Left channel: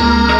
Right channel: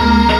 Bye.